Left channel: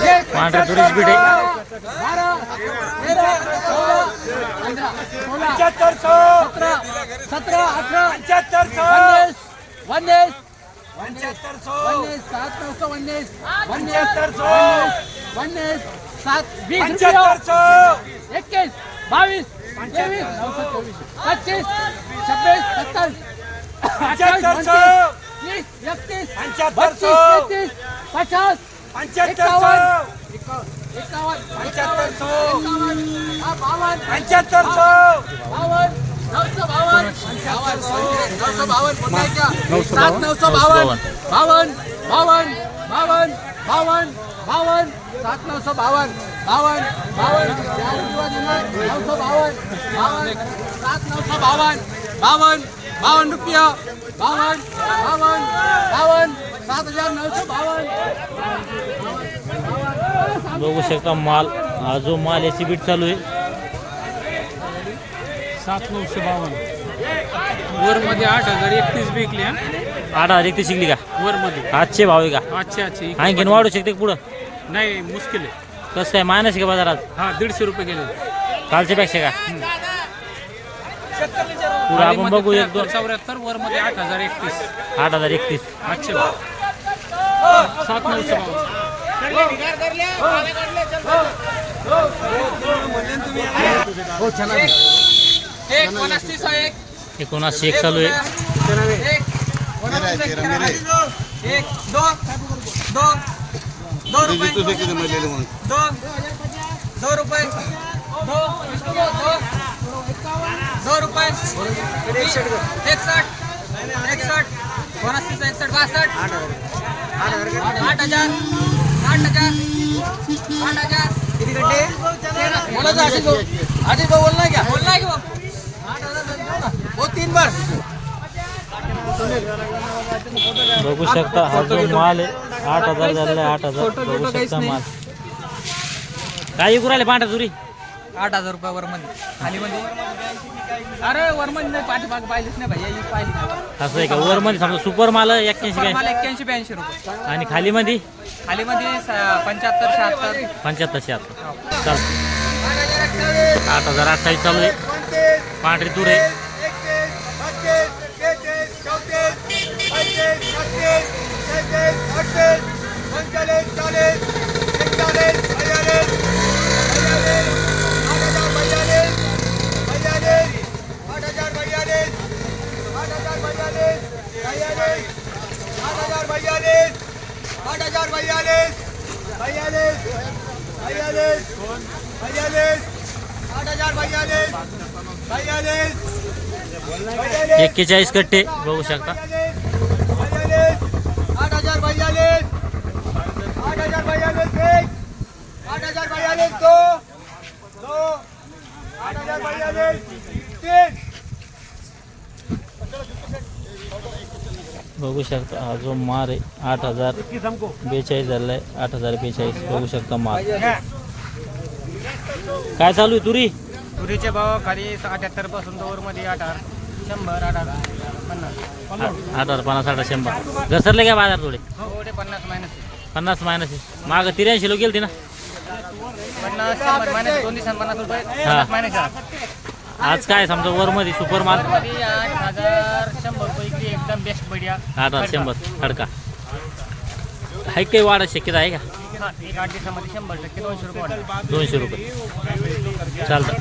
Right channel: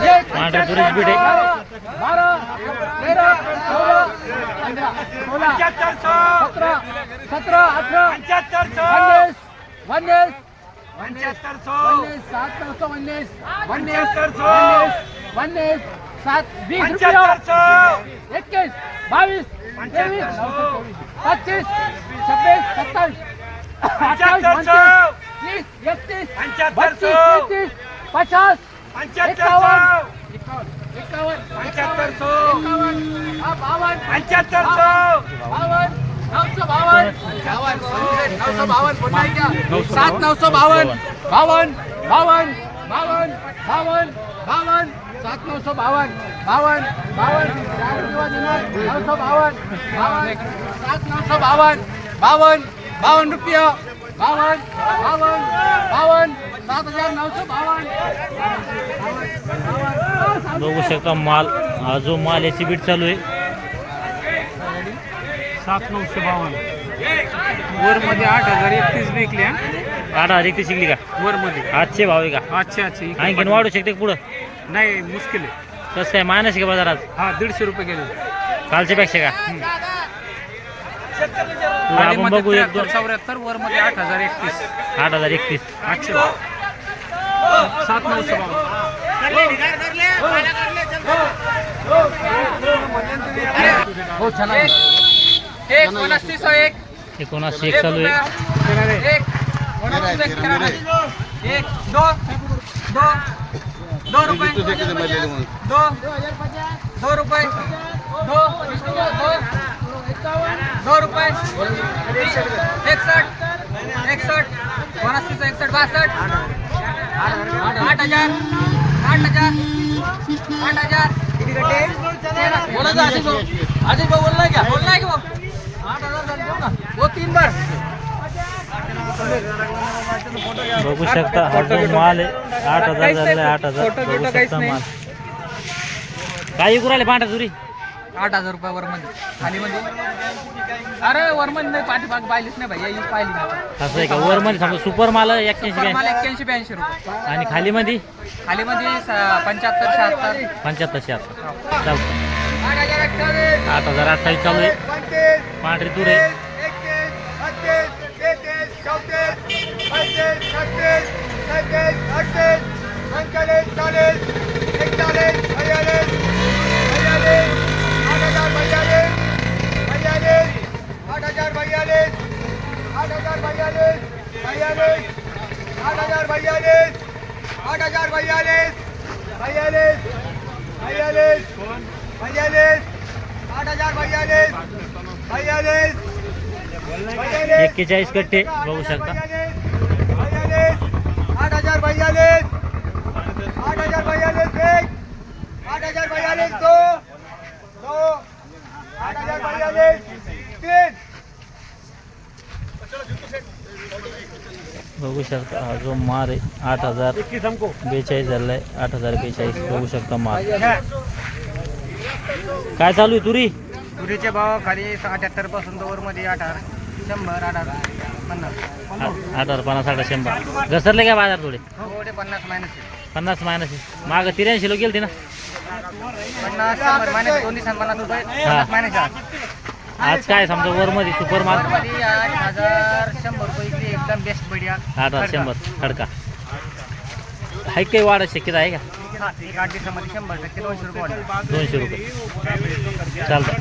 पांढऱ्या तुरीची बीट आहे. 12 13 14 15 16 17 17 18 19 7 919 7 20 रुपये 21 22 23 25 26 27 28 29 30 31 32 33 50 51 बघू शकता माल, हा जो माल याची बीट चालू आहे 7952 वर मध्ये 8031 विकले. 8,031 शिकली का वर मध्ये आजचे भाव आहे का? आजचे आणखीन वाढू शकते पुढं? नाही, मुश्किल आहे. कसं काय मायनस का बाजारात? हा 150 रुपये गेले कालच्या पेक्षा का? पुढं आपण बघू 1 2 74 वर मध्ये 8031 8,031 आजचे भाव 7952. एक 79 चालू आहे. 2 रुपये 2 रुपये 2 रुपये 61 61 61 62 8000 8000 8000 किती गड्डे बोला क्या बोलना है कि वो 3 बार. बघू शकता हा जो माल आहे 8,000 झालेला आहे. 8,000 बघू शकता माल. काय विकू राहिले पांढऱ्या तुरी? 8000 रुपये वर मध्ये खाली मध्ये. अरे वर मध्ये नाही, पाठीमाग पाहिलीच नाही भाई, ही पाहिली नाही. असं आहे का? वर मध्ये समजा सुपर माल 81 मला 81 82 रुपये. आणि खाली मध्ये खाली मध्ये 75 76 75 76 चालतं. 8,028 चालू आहे. पांढरी तूर आहे. 41 कट्टे बघू शकता. 8042 बघू शकता हा जो माल आहे 8,042 झालेला आहे. 8,042 बघू शकता माल. काय चालू आहे तुरी? तुरीचे भाव खाली 78 पासून वर मध्ये 8000 100 80 50 8,050 100 घसरले काय बाजार थोडे? थोडे 50 मायनस 50 मायनस माग 83 लोक गेलते ना. 50 100 मायनस 2 दिवसांनी 50 रुपये हा. 50 मायनस आज काय समजा वर मध्ये सुपर माल मध्ये 8100 रुपये की एकदम बेस्ट बढ़िया. 8,100 खडका आहे. काही वाढत शक्यता आहे का? हा, एक 8 दिवसामध्ये 100% 200 रुपये वाढेल. 200 रुपये चालतं.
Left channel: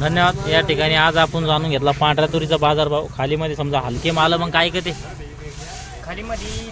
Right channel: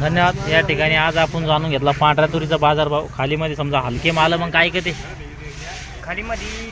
धन्यवाद. या ठिकाणी आज आपण जाणून घेतला पांढऱ्या तुरीचा बाजारभाव. खालीमध्ये समजा हलके माल मग काय का ते खाली मध्ये